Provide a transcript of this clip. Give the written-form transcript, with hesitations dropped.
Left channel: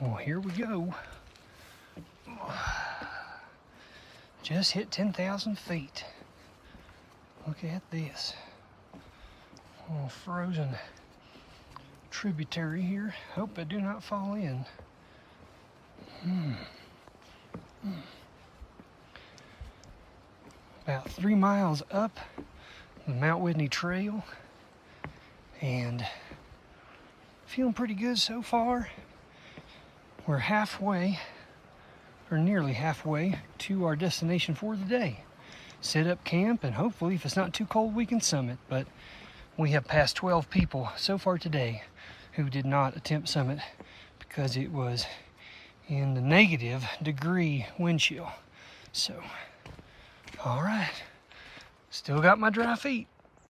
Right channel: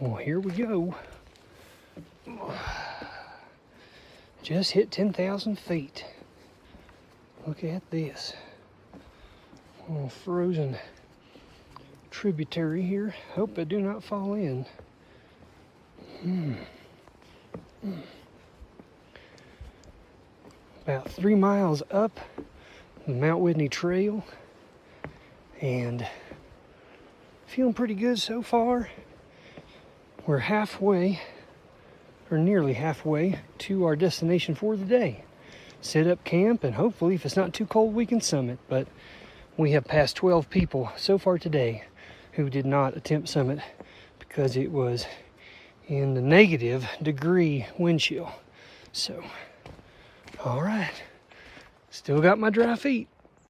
Well, here we go. Just hit 10,000 feet. Look at this. A frozen tributary here. Hope I do not fall in. About 3 miles up the Mount Whitney Trail, and feeling pretty good so far. We're halfway, or nearly halfway, to our destination for the day. Set up camp, and hopefully, if it's not too cold, we can summit. But we have passed 12 people so far today who did not attempt summit because it was in the -degree wind chill. So, all right, still got my dry feet.